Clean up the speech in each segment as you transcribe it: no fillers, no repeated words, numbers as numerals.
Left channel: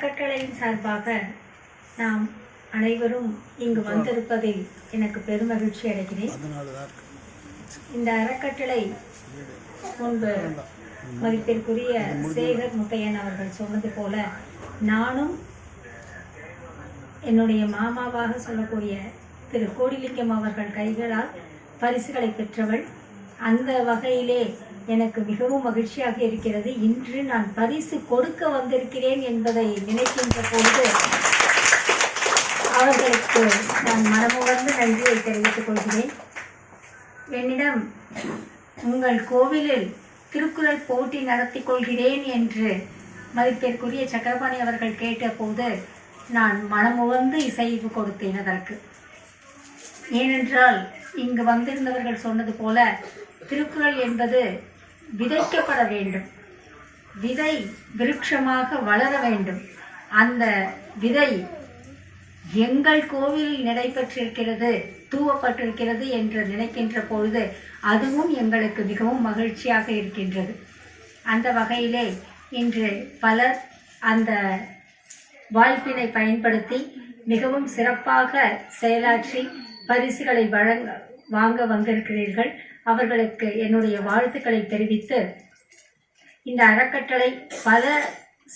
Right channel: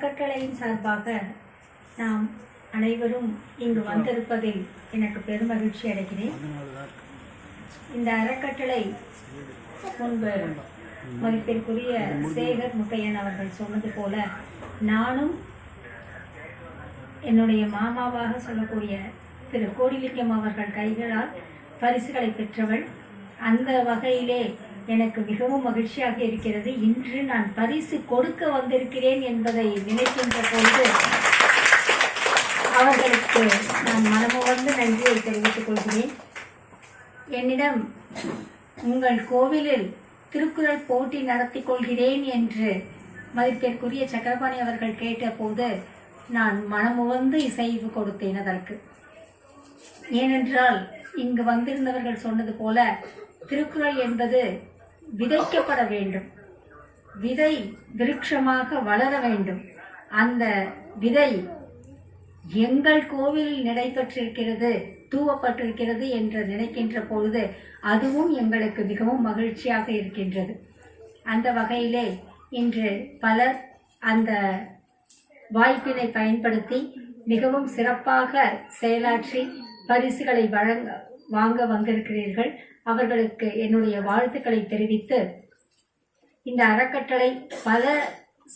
அறக்கட்டளையின் சார்பாக நாம் அனைவரும் இங்கு வந்திருப்பதில் எனக்கு பெருமகிழ்ச்சி அடைகிறேன். இந்த அறக்கட்டளை முன்பு மதிப்பிற்குரிய சேகர் முத்தையன் அவர்கள் சொன்னது போல நானும் என்னுடைய மாமாவாக சொல்லக்கூடிய திரு கோடிலிங்கம் அவர்கள் கைகளால் பரிசுகளை பெற்றவள். அந்த வகையிலே எனக்கு மிகவும் மகிழ்ச்சியாக இருக்கிறது. இன்று நான் பரிசு கொடுக்க வந்திருக்கிறேன் என்பதை நினைக்கின்ற பொழுது அவர்களுக்கு நான் மனமுவந்து நன்றியை தெரிவித்துக் கொள்கிறேன். என்னிடம் உங்கள் கோவிலில் திருக்குறள் போட்டி நடத்தி கொள்கிறேன் என்று மதிப்பிற்குரிய சக்கரபாணி அவர்கள் கேட்டபோது நான் மனமுவந்து இசைவு கொடுத்தேன் அதற்கு. ஏனென்றால் இங்கு வந்திருந்தவர்கள் சொன்னது போல திருக்குறள் என்பது விதைக்கப்பட வேண்டும், விதை விருட்சமாக வளர வேண்டும். அந்த விதை எங்கள் கோவிலில் நடைபெற்றிருக்கிறது, தூவப்பட்டிருக்கிறது என்று நினைக்கின்ற பொழுது அதுவும் எங்களுக்கு மிகவும் மகிழ்ச்சியாக இருக்கின்றது. அந்த வகையிலே இன்று பலர் அந்த வாய்ப்பினை பயன்படுத்தி மிகவும் சிறப்பாக செயலாற்றி பரிசுகளை வாங்க வந்திருக்கிறீர்கள். அவர்களுக்கு என்னுடைய வாழ்த்துக்களை தெரிவித்து, இந்த அறக்கட்டளை பல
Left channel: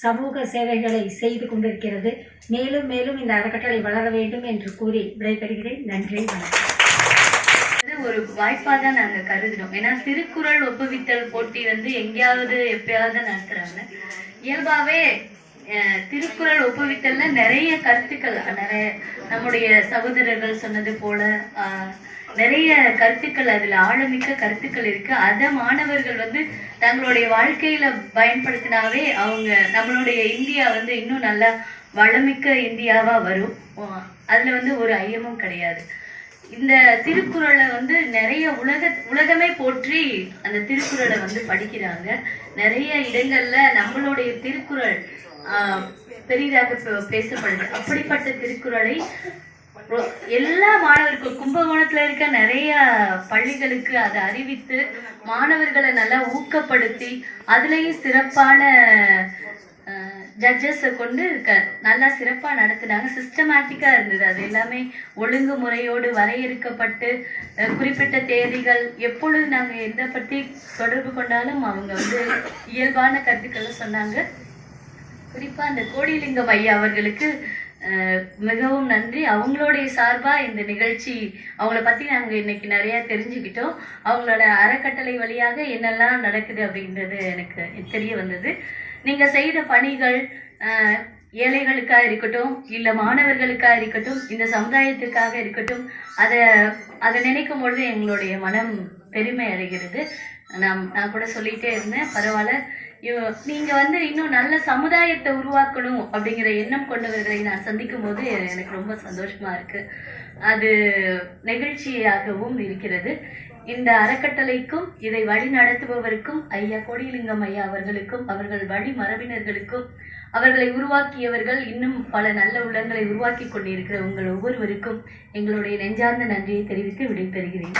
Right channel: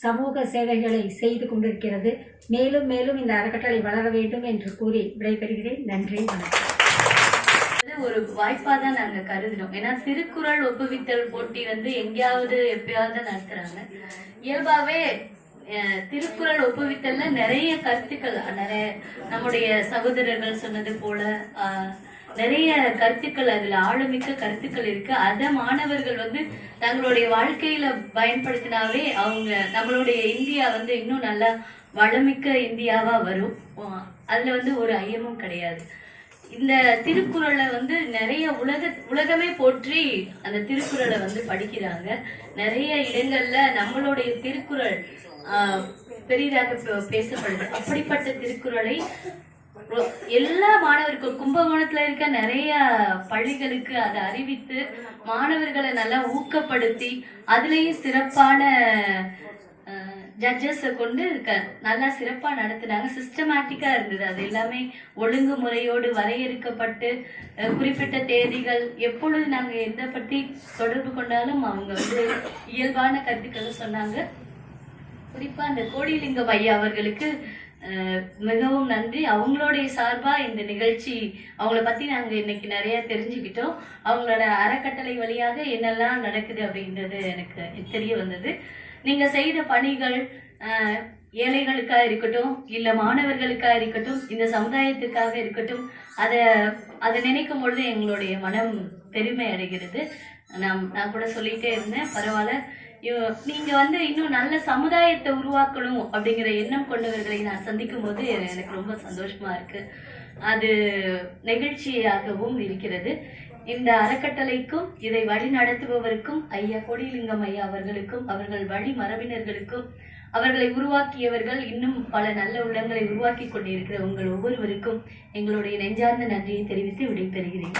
சமூக சேவைகளை செய்து கொண்டிருக்கிறது. மேலும் மேலும் இந்த அறக்கட்டளை வளர வேண்டும் என்று கூறி விடைபெறுகிறேன். நன்றி, வணக்கம். ஒரு வாய்ப்பா தான் நாங்க கருதுறோம். ஏன்னா திருக்குறள் ஒப்புவித்தல் போட்டி எங்கேயாவது எப்பயாவது நடத்துறாங்க. இயல்பாவே திருக்குறள் ஒப்புவித்தல்ல நிறைய கருத்துக்கள், நிறைய நம்முடைய சகோதரர்கள் சொன்னது போல நிறைய கருத்துக்கள், அதுல ஆழமிக்க கருத்துக்கள் இருக்கு. அத மாணவர்கள் தங்களுடைய வாழ்க்கையில பயன்படுத்தினாவே அவங்க நம்மளுடைய இந்தியா இன்னும் நல்லா வளமிக்க இந்தியாவா வரும். அதுல ஒரு ஐயமும் கிடையாது. இந்த திருக்குறளை நிறைய உலகமே போற்றி அந்த திருக்குறளை படிக்கிறாங்க. நிறைய இடங்கள்ல நம்மளுடைய திருக்குறள் பெரிதாக பேசப்படுது. அப்படிப்பட்ட திருக்குறளை எல்லா மாணவருக்கும் கும்பகோணத்துல இருக்க நிறைய பள்ளிகளுக்கு அதை அறிவித்து மாணவர்களை நல்லா ஊக்கப்படுத்தி அதுலயும் சிறப்பான ஜட்ஜஸை கொண்டு நல்லா சிறப்பா நடத்தினாங்க. சிஸ்டமேட்டிக்கா இருந்தது. அது எல்லாமே ஒழுங்குமுறையோடு வரையறுக்கப்பட்டு குறிப்பிட்ட தேதிகள் எப்பொழுது நாங்க எதை பத்தி தொடர்பு கொண்டாலும் அவங்க இயல்பான கருத்துக்களை சொன்னாங்க. குறிப்பா அந்த கோடிலிங்கம் ஐயா அவர்களுக்கு மிகவும் நன்றி. அவங்களுடைய சார்பா இந்த நிகழ்ச்சி அவங்கள பத்தி நாங்க இன்னைக்கு நிறைய தெரிஞ்சுக்கிட்டோம். அவங்களோட அறக்கட்டளை வழியாக என்னெல்லாம் நடக்குது அப்படின்றது எனக்கு தெரிய வந்தது. நீங்க செய்த பணிகள் ஏழைகளுக்கா இருக்கட்டும், இல்ல மாணவர்களுக்கா இருக்கட்டும், இந்த சமுதாயத்துக்காக இருக்கட்டும், அதை நினைக்கும் பொழுது எங்களுடைய மனம் பெருமை அடைகிறது. நான் கூட சொல்லிட்டே இருந்தேன், பரவாயில்ல, நீங்க இன்னும் நல்ல சமுதாயத்தை உருவாக்கணும் அப்படிங்கிற எண்ணம் கொண்டவர்களை நான் சந்திக்கும் போது எனக்கு ரொம்ப சந்தோஷமா இருக்கு. அது நெகிழ்ச்சியாகவும் இருக்கிறது. இந்த அறக்கட்டளைக்கும் இதை வழி நடத்துபவருக்கும் ஐயா கோடிலிங்கம் ஐயா அவர்களுக்கும் அவர்கள் வழி மரபினர்களுக்கும் அவர்களை உருவாக்கியவர்கள் இன்னும் பல நல்ல உள்ளங்களை உருவாக்கி கொண்டிருக்கிற உங்கள் ஒவ்வொருவருக்கும் எங்களுடைய நெஞ்சார்ந்த நன்றியை தெரிவித்து விடைபெறுகிறேன்.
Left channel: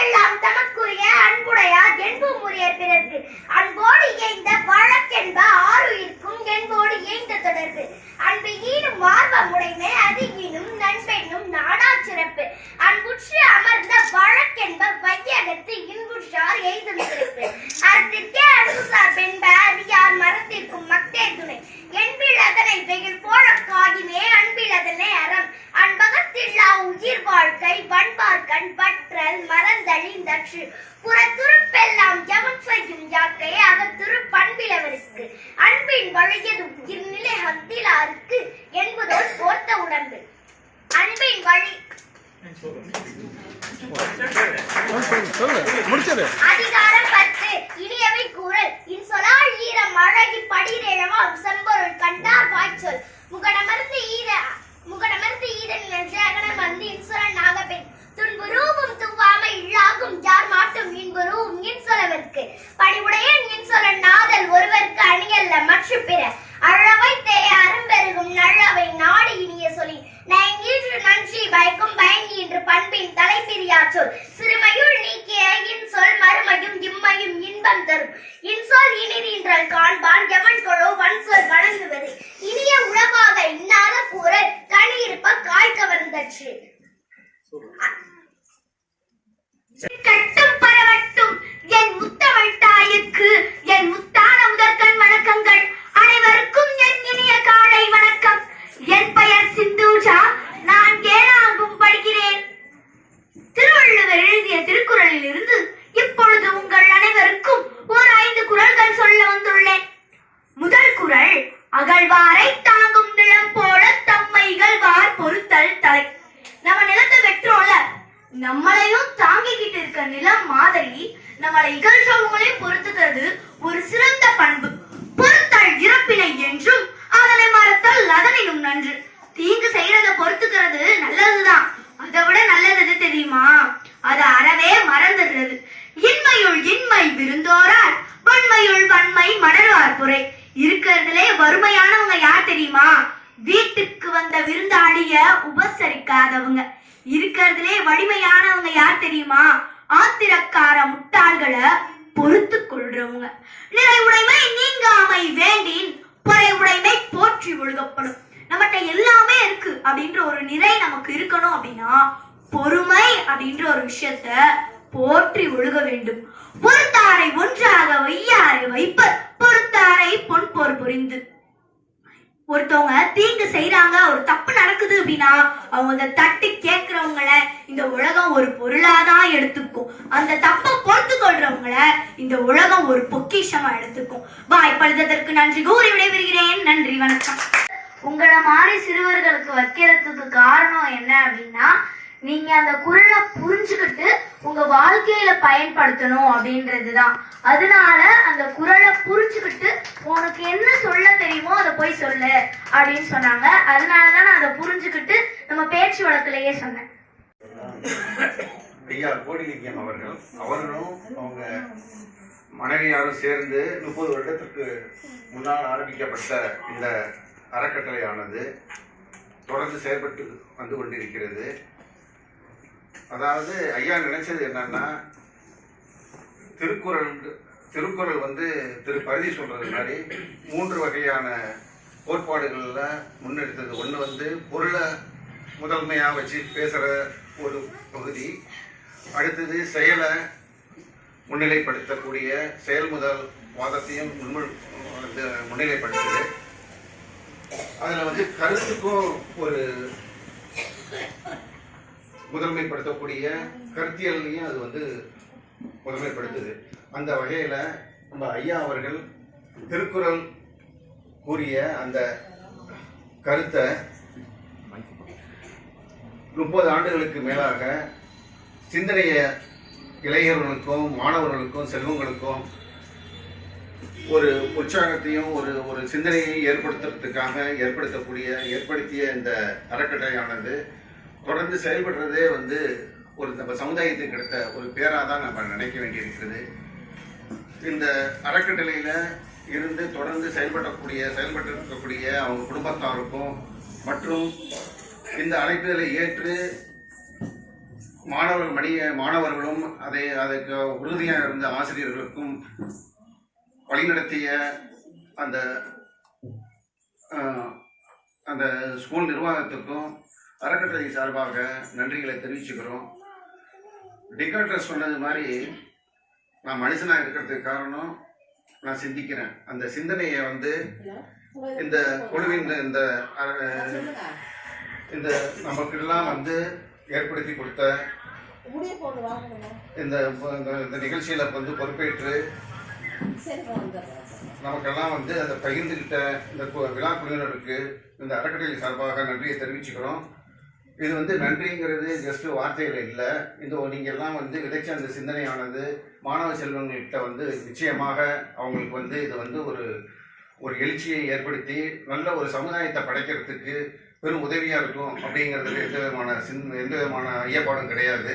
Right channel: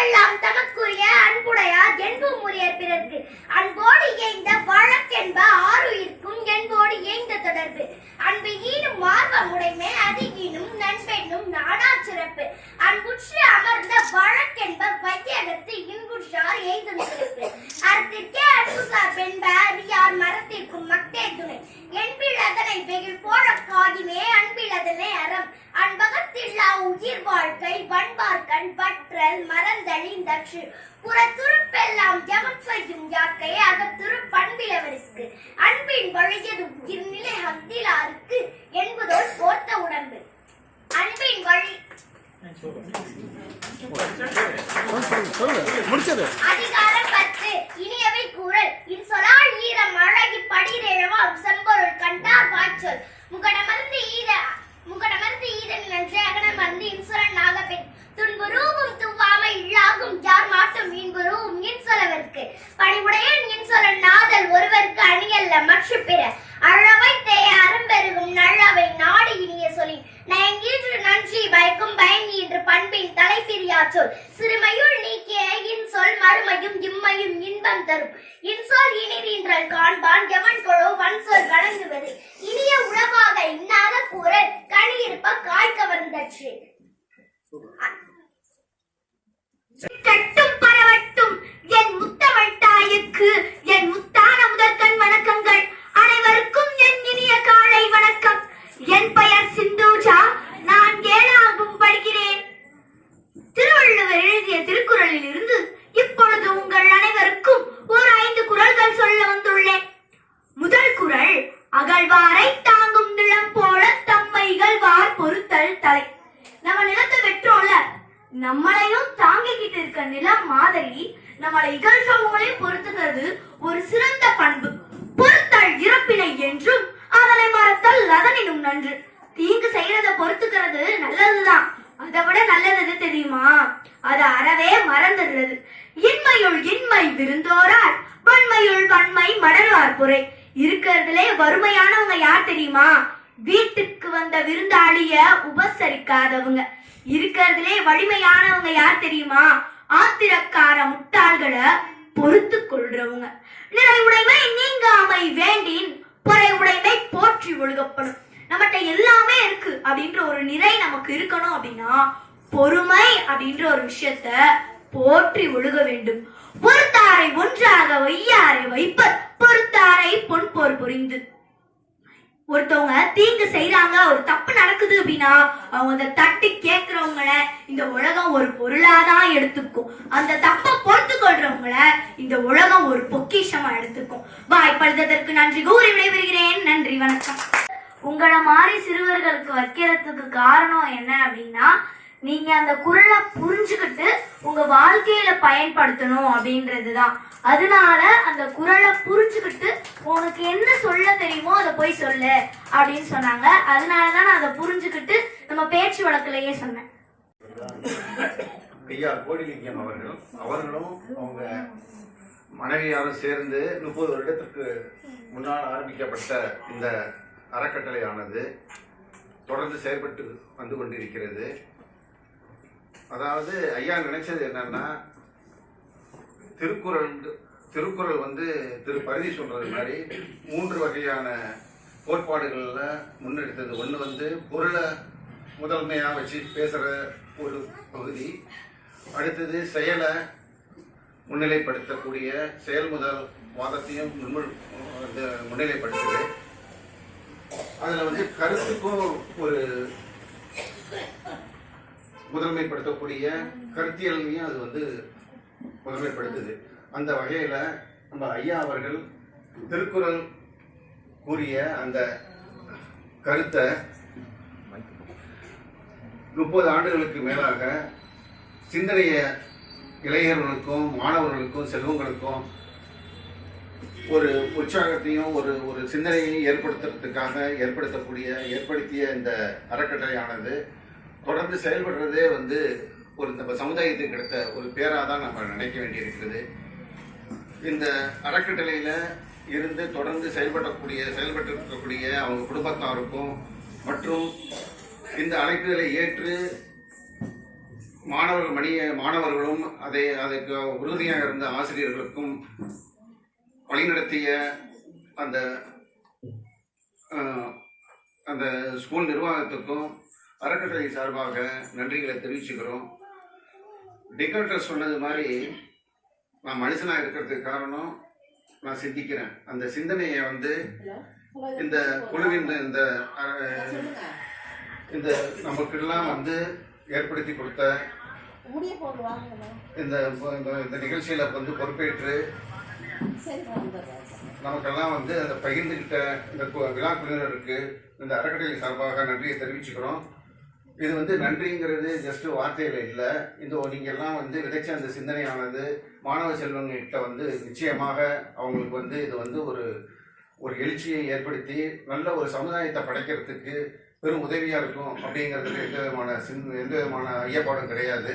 எல்லாம் தமக்குரிய அன்புடையார் என்பும் உரியர் பிறர்க்கு அன்போடு இயைந்த வழக்கென்ப ஆறுயிர்க்கும் என்போடு இயைந்த தொடர்பு அன்பு ஈனும் மார்வமுடைமை அது ஈனும் நண்பெண்ணும் நாடா சிறப்பு அன்புற்று அமர்ந்த வழக்கென்ப வையகத்து இன்புற்றார் எய்தும் சிறப்பு அறத்திற்கே அன்புசார் பெண்ப அறியார் மரத்திற்கும் மக்தே துணை என்பிழதனை வெயில் போல காதிமே அன்பிழதனை அறம் அன்பகத்தில்லா உயிர் வாழ்க்கை வண்பார்கண் வற்றல் மறந்தழிந்தற்று புறத்துருப்பெல்லாம் ஜபம் செய்யும் யாக்கை அகத்துரு பண்பிலவருக்கு அன்பின் வழியது உயிர் நிலை ஹத்திலாருக்கு என்பதோல் போர்த்த உடம்பு அன்பின் வழி அதிகாரம் 10 இனியவை கூறல் இன்சொலால் ஈரம் அழகி படிரேழவாம் செம்பொருள் கண்டார் வாய்ச்சொல் முகடமர்ந்து ஈரன் என்று அகனமர்ந்து இன்சொலன் நாகப்பெண் துன்புருவும் துவாமை இல்லாகும் யார் மாட்டும் இன்புருவும் இன்சொலவர்க்கு பணிவுடையன் இன்சொலன் நாதல் ஒருவருக்கு அணியல்ல மற்ற பிற அழவை தேய அரும்பெருகும் நல்லவை நாடு இனிய சொல்லி நயங்கீற்று நன்றி பயக்கும் பயங்கி என்று பண்பின் தலைப்பிரியா சொல் சிறுமையுள் நீக்கிய இன் சொல் மறுமையும் இம்மையும் இன்பம் தரும் இன் இன்சொல் இனிதீன்றல் காண்பான் எவன் கொளோ வன்சொல் வழங்குவது இனிய உளவாக இன்னாத கூற கனி இருப்ப காய் கவர்ந்தற்று. கட்டும் பரவட்டும் என் முத்தமிழ் தாயிற்கு என் முத்தான முதற்கண் வணக்கங்கள். அனைவருக்கும் என் இனிய காலை வணக்கம். என் பெயர் சிந்தூஜா. நான் 7ஆம் படிக்கிறேன். திருவள்ளுவர் எழுதிய திருக்குறளில் இருந்து இப்பொழுது உங்கள் அனைவருக்கும் ஒரு 5 குறள்கள் சொல்ல வந்துள்ளேன். முதல் குறள், அகழ்வாரை தாங்கும் நிலம் போல தம்மை இகழ்வார் பொறுத்தல் தலை. நம்ம நிலத்தை வெற்றோம்ல, நம்மளையும் தாங்கிக்கிட்டு இருக்க நிலம் மாதிரி நம்மளை இகழ்ச்சவங்களையும் பொறுத்துக்கிறது ஒரு சிறந்த பண்பு. பொறுத்தல் இறப்பினை என்றும் அதனை மறத்தல் அதனினும் நன்று. தீங்கு செய்யறத பொறுத்துக்கிறது நல்லதுதான், அதை விட நல்லது தெரியுமா? அது அறவே மறந்துடுறது. இன்மையுள் இன்மை விருந்தோரால் வன்மையுள் வன்மை மடர்வார் குறை. இருக்கிறதுலே வறுமையானவங்க யார் தெரியுமா? வீட்டுக்கு வந்த விருந்தாளிய உபசரிக்காதவங்க. இருக்கிறதுலே வலிமையானவங்க யார் தெரியுமா? ஆத்திரக்கார முட்டாள்களை பொறுத்து கொள்றவங்க. நிறை உடைமை நீங்காமை வேண்டின் பொறை உடைமை போற்றி ஒழுகப்படும். நம்மகிட்ட எல்லாமே இருக்கு அப்படின்ற ஒரு நிறை நமக்கு இருக்கணும் அப்படின்னா பொறுமை அப்படின்ற ஒரு விஷயத்த போற்றி ஒழுக வேண்டும். பொறுத்தாரை ஒன்றாக வையாரை வைப்பர் பொறுத்தாரை பொன் போர் புரிந்து. ஒருத்தவங்க தீங்கு செய்யறாங்க, ஒரு தப்பு நடக்குது அப்படின்னா அவங்க அந்த தட்டி கேட்கிறவங்கள இந்த உலகம் ஒரு பொருளாதான் எடுத்துக்கும். அந்த தப்பை பொறுத்து கொள்றவங்கள இந்த உலகம் ஒரு பொக்கிஷமா எடுத்துக்கும். வாய்ப்பளித்ததற்கு நன்றி கூறி விடைபெறுகிறேன். நன்றி, வணக்கம். உங்களை மாதிரி சிறுவர்களுக்கு வைக்கிறதுக்கு காரணம் என்ன அப்படின்னா, நீங்க அந்த குறளை புரிஞ்சுக்கிட்டு உங்க வாழ்க்கையில பயன்படுத்தணும் அப்படின்றதுதான். அதனால அந்த குறளை புரிஞ்சுக்கிட்டு உனக்கு என்ன சொல்ல தெரியுமோ அதை போய் சொல்லு அப்படின்னு சொன்னாங்க. அதனாலதான் நான் அதை புரிஞ்சுக்கிட்டு நம்ம பேச்சு வழக்கிலேயே சொன்னேன். ஐயா கோடிலிங்கம் அவர்களும் அவங்க மனைவியாரும் சேர்ந்து 30 வருடத்திற்கு முன்னால் ஆரம்பிக்கப்பட்ட இந்த அறக்கட்டளையானது தொடர்ந்து செயல்பட்டு வந்து கொண்டிருக்கிறது. அதாவது ஐயா நினைச்சது என்னன்னா, திருக்குறள் வந்து திரு பரிதி சொல்றது மாதிரி 3 வகையான கோட்பாடுகள்ல முன்னெடுத்தது. ஒன்று வந்து பொருளை முதன்மையா வச்சு பேசுற ஒரு பகுதி, அடுத்தது செயலை முன்னிலைப்படுத்தக்கூடிய செயல் முதல் வாதத்தையும் முன்னிலைப்படுத்துது. அதுல வந்து கருத்துக்கும் ஒரு முதன்மைப்படுத்தக்கூடிய கருத்தியலையும் அது வந்து முதன்மைப்படுத்துது. அந்த வகையில நம்ம ஐயா அவர்கள் திருக்குறள் கூறிய அந்த கருத்தை 30 ஆண்டுகளுக்கு மேலாக சிந்தனைய இளைஞர்களுக்கும் மாணவர்களுக்கும் செல்வங்களுக்கும் ஒரு உற்சாகத்தையும் ஒரு சிந்தனையை ஏற்படுத்திய இந்த அறக்கட்டளையானது தொடர்ந்து செயல்படுறதே வந்து ஒரு நம்ம சமுதாயத்துக்கு கிடைத்த ஒரு பேராக தான் நம்ம நினைக்க வேண்டியிருக்கிறது. இந்த அறக்கட்டளையில இருந்து தொடர்ந்து செயல்பட்டு இருக்கக்கூடிய அவங்க குடும்பத்தாருக்கும் மற்றும் இந்த அழைப்புகளை ஏற்று மாணவர்களும் அதற்கு உறுதியாக இருந்த ஆசிரியர்களுக்கும் வழிநடத்திய அந்த ஸ்கூல் நிர்வாகத்துக்கும் அறக்கட்டளை சார்பாக நன்றிகளை தெரிவிச்சுக்கிறோம். டிகார்டர் சொன்னது மாதிரி நான் மனுஷனா இருக்கிறதுக்கு காரணம் நான் சிந்திக்கிறேன். அந்த சிந்தனையை வந்து இந்த குழுவின் இந்த நமக்கெல்லாம் வந்து ஏற்படுத்தி கொடுத்த இந்த நிகழ்ச்சியில வந்து பொறுப்பேற்று நமக்கெல்லாம் வந்து அதை பகிர்ந்துகிட்ட இந்த விழா குழுவினருக்கு இந்த அறக்கட்டளை சார்பாக நன்றியை தெரிவிச்சுக்கிறோம். இது வந்து நன்றிங்கிறது ஜஸ்ட் வார்த்தைகள் இல்லை. நீங்க எல்லாம் வந்து விதைச்ச அந்த சிந்தனையானது மாணவ செல்வங்கள்கிட்ட வந்து நிச்சயமாக அவங்களுக்கு வந்து இது வந்து ஒரு எழுச்சியை ஏற்படுத்தி நல்ல ஒரு சமுதாயத்தை படைக்கிறதுக்கு பெரும் உதவியா இருக்கும் அப்படிங்கிறதுல எந்த விதமான ஐயப்பாடும் கிடையாது.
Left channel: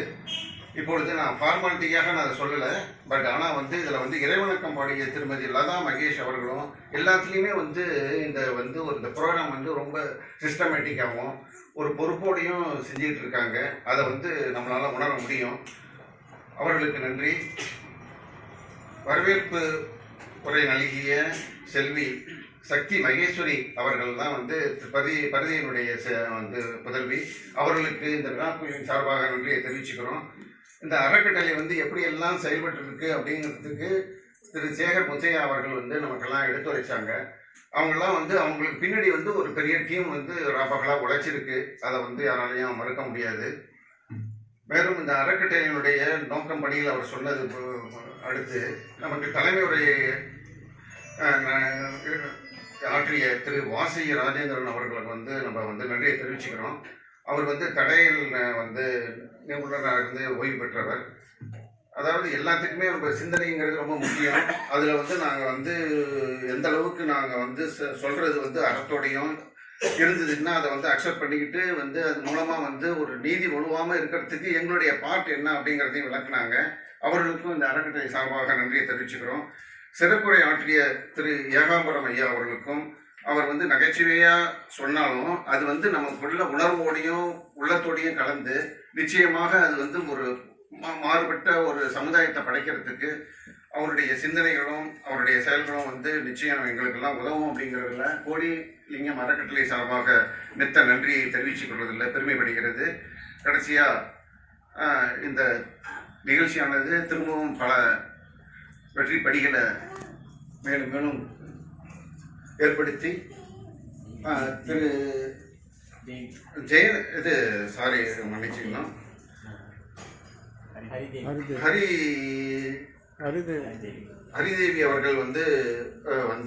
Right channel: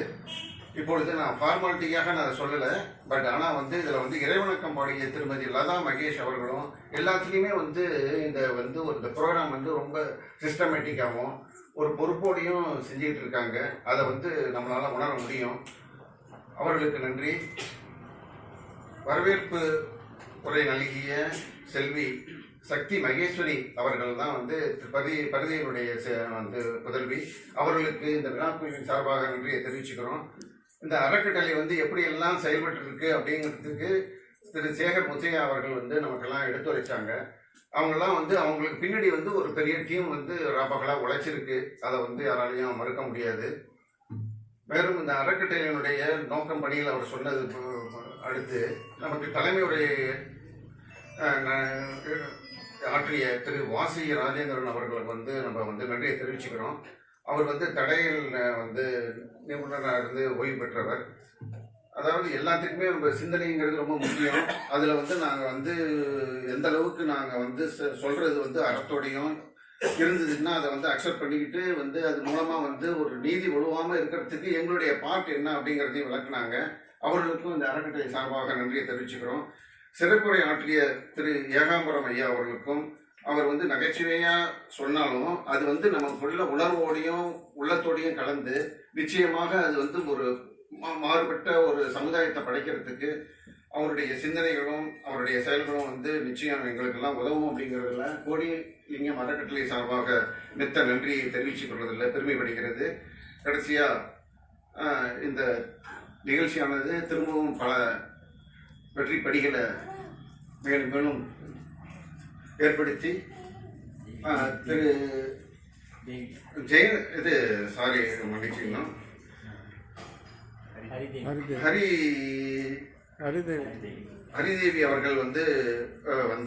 இப்பொழுது நான் ஃபார்மாலிட்டியாக நான் சொல்லலை, பட் ஆனால் வந்து இதில் வந்து இறைவணக்கம் பாடிய திருமதி லதா மகேஷ் அவர்களும் எல்லாத்துலேயுமே வந்து இந்த ப்ரோக்ராம் வந்து ரொம்ப சிஸ்டமேட்டிக்காகவும் ஒரு பொறுப்போடையும் செஞ்சுக்கிட்டு இருக்காங்க. அதை வந்து நம்மளால் உணர முடியும். அவர்களுக்கு நன்றி. வரவேற்பு உரை நல்கிய செல்வி சக்தி மகேஸ்வரி அவர்கள் தான் வந்து பரிதியினுடைய வந்து புதல்வி. அவர்களுக்கு இந்த விழாக்குழுவின் சார்பாக நன்றியை தெரிவிச்சுக்கிறோம். இந்த அறக்கட்டளை வந்து எப்படியெல்லாம் செயல்பட்டு இருக்கு அப்படிங்கிறதுக்கு திரு சேகர் முத்தையா அவர்கள் வந்து நமக்கெல்லாம் எடுத்துரைச்சாங்க. அவங்கெல்லாம் வந்து அவங்களுக்கு பின்னாடி வந்து ஒரு பெரிய டீம் வந்து ராப்பகலாக உழைச்சிருக்கு. அதை வந்து யாராலையும் மறுக்க முடியாது. மேலும் இந்த அறக்கட்டளையினுடைய நோக்கம் பணியில் அவர் சொன்னது அடுத்து நமக்கு தலைமை உரை ஆற்றிய திரு வாசி ராஜேந்திரன் அவர்களுக்கு வந்து நம்ம வந்து நன்றியை தெரிவிச்சுக்கிறோம். அவர் வந்து தடையில் வந்து நிபுணராக இருந்து ஓய்வு பெற்றவர். அதாவது எல்லாத்துக்குமே நம்ம சிந்தனைங்கிறது ரொம்ப முக்கியம். அதில் வந்து நாங்கள் வந்து எந்த அளவுக்கு நாங்கள் வந்து சொல்கிறது வந்து அறத்தோடையும் இருந்ததுன்னா அதை வந்து அக்செப்ட் பண்ணிக்கிட்டு வந்து அது மூலமாக வந்து ஒரு நீதி ஒழுவாமல் இருக்கிறதுக்கு எங்களுடைய பார்ட் என்ன அப்படிங்கிறதையும் விளக்குனாங்க. அவர்களுக்கும் இந்த அறக்கட்டளை சார்பாக நன்றியை தெரிவிச்சுக்கிறோம். சிறப்புரை ஆற்றிய திரு ஏகாம்பரம் ஐயா அவர்களுக்கும் அவர் வந்து நகைச்சுவையாக சொன்னாலும் அது வந்து நமக்குள்ள உணர்வோடையும் உள்ளத்தோடையும் கலந்து நிச்சயமாக அது வந்து ஒரு மாறுபட்ட ஒரு சமுதாயத்தை படைக்கிறதுக்கு அவருடைய சிந்தனைகளும் அவருடைய செயல்களும் வந்து நிச்சயம் எங்களுக்கெல்லாம் உதவும் அப்படிங்கிறதுல கோடிலிங்கம் அறக்கட்டளை சார்பாக நித்த நன்றியை தெரிவித்துக் கொள்வதில் பெருமைப்படுகிறது. கடைசியாக இந்த நிகழ்ச்சியானது திரும்பவும் பல வெற்றி படிகளை மேலும் மேலும் ஏற்படுத்தி திரு மன்னிச்சுக்கணும் ஹரிதேவி அவர்கள் வந்து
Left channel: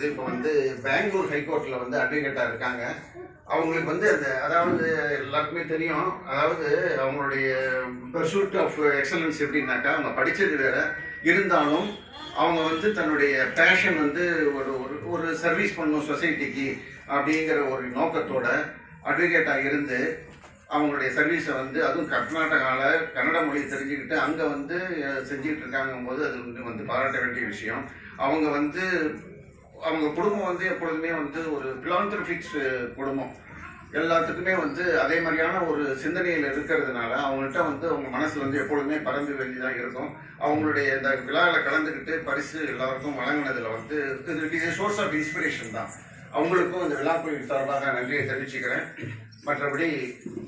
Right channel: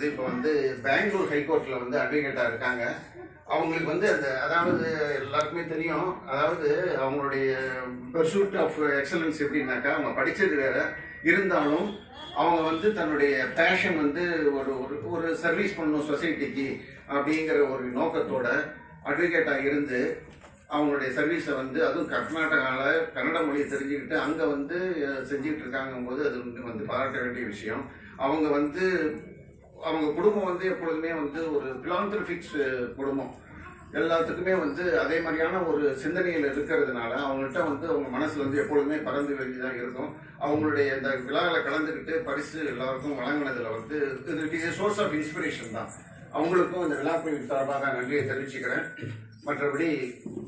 இப்போ வந்து பெங்களூர் ஹைகோர்ட்டில் வந்து அட்வொகேட்டாக இருக்காங்க. அவங்களுக்கு வந்து அந்த அதாவது எல்லாருக்குமே தெரியும், அதாவது அவங்களுடைய பர்சூட் ஆஃப் எக்ஸலன்ஸ் எப்படின்னாக்கா அவங்க படித்தது வேற இருந்தாலும் அவங்க வந்து தன்னுடைய பேஷன் வந்து ஒரு சர்வீஸ் பண்ணணும் சொசைட்டிக்கு அப்படிங்கிற ஒரு நோக்கத்தோட அட்வொகேட்டாக இருந்து அவங்களுடைய சர்வீஸை வந்து அதுவும் கர்நாடகாவில் கன்னட மொழியை தெரிஞ்சுக்கிட்டு அங்கே வந்து செஞ்சுக்கிட்டு இருக்காங்கும்போது அது வந்து பாராட்ட வேண்டிய விஷயம். அவங்க வந்து அவங்க குடும்பம் வந்து எப்பொழுதுமே வந்து ஒரு பிலாந்திரபிக்ஸ் குடும்பம். எல்லாத்துக்குமே வந்து அதே மாதிரியான ஒரு சிந்தனையில் இருக்கிறதுனால அவங்கள்ட்ட வந்து அவங்க மனசு வந்து எப்பொழுதுமே பறந்து வெளியே தான் இருக்கும். அவங்களுடைய இந்த விழாவில் கலந்துக்கிட்டு பரிசு எல்லாருக்கும் வழங்கினதில் வந்து it is source of inspiration தான். அவங்களுக்கும் இந்த விழாக்குழு சார்பாக நன்றியை தெரிவிச்சுக்கிறேன். மற்றபடி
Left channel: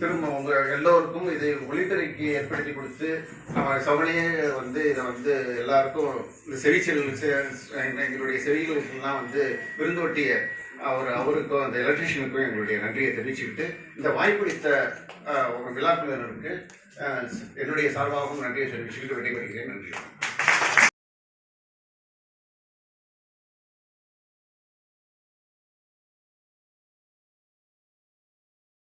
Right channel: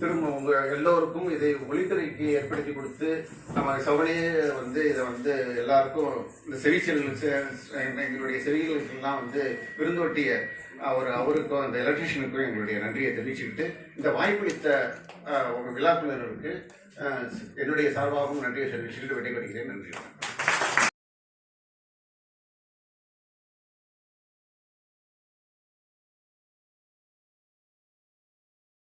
திரும்ப உங்கள் எல்லோருக்கும் இதை ஒளிபெருக்கி ஏற்படுத்தி கொடுத்து நம்ம சவனையே வந்து இதை வந்து எல்லாருக்கும் இந்த எங்களுடைய செவிகளுக்கெல்லாம் வந்து விருந்தோட்டிய அவருக்கும் அந்த எலக்ட்ரிஷியனுக்கும் எங்களுடைய நன்றியை தெரிவிச்சுக்கிட்டு இந்த வாய்ப்பளித்த விழாக்குழுவினருக்கு என்னுடைய சார்பாகவும் நன்றியை தெரிவிச்சுக்கிட்டு விடைபெறுகிறேன். நன்றி.